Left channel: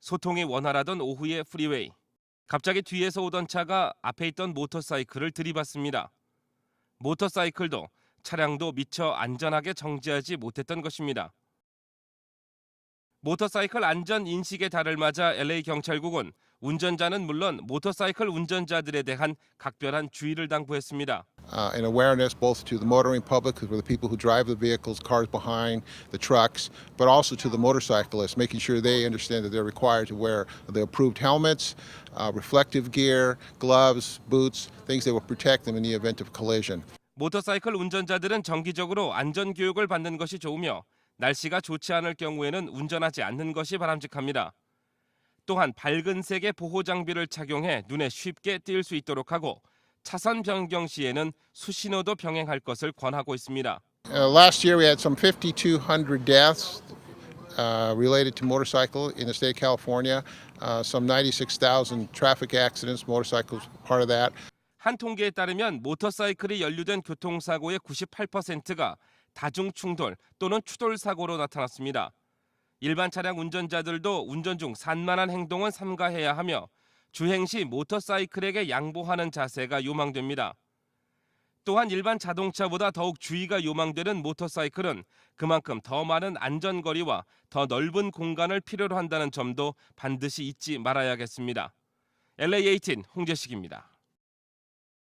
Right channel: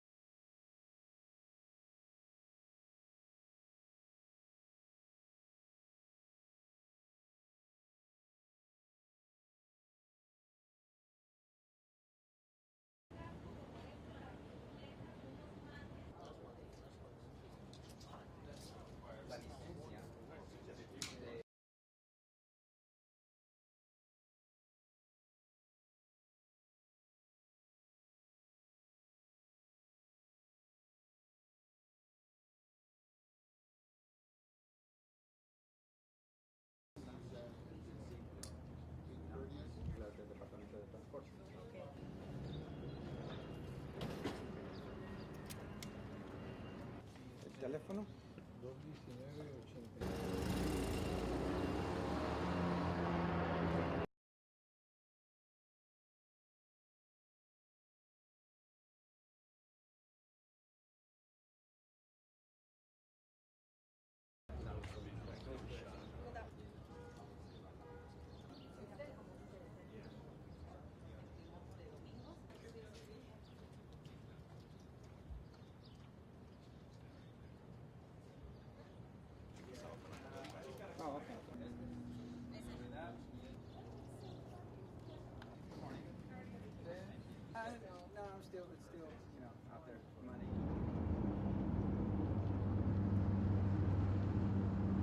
소통이 원활하던 오후의 프리웨이. 갑자기 뒤에서 오던 차가 앞에 있던 모터사이클을 들이받습니다. 모터사이클도 차량도 미처 안전하게 정지하지 못했던 것입니다. 모터사이클 안전 인식의 달을 맞아 LA 경찰국은 운전자는 물론 모터사이클 운전자들에 대한 각별한 주의를 당부했습니다. uh, and awareness both to the motoring public, who are the people who drive the vehicles, cars behind, the trucks, but also to the motorcyclists, making sure they understand that they're required to wear the approved helmets, uh, reflective gear, gloves, boots, things that will protect them in the event of collision. 모터사이클 운전자들은 정기적으로 안전 교육을 받는 것이 좋으며 날씨가 좋지 않을 경우에는 운전하지 않는 것이 바람직합니다. 또한 밝은 색의 보호 장비를 착용해 눈에 쉽게 띌 수 있도록 하고 차선 변경 시에는 수신호도 병행할 것을 권하고 있습니다. Uh, last year we had some 5,200 deaths uh, related to motorcycle in the state of California. Uh, some 96,000 traffic accidents, motorcycles part of that. 한 통계에 따르면 모터사이클이 연루된 교통사고의 98%가 다중 충돌 또는 추돌 사고로 나타났습니다. 일반 차량 운전자들도 운전 중 산만한 행동은 삼가해야 하며 주행 시 모터사이클에게 양보하는 자세가 요망됩니다. 또한 일반 자동차보다 더욱 주의가 요망되는 모터사이클은 그만큼 더 많은 안전거리와 더 넓은 공간을 필요로 한다는 점도 반드시 잊지 말아야겠습니다. LA18 홍재식입니다.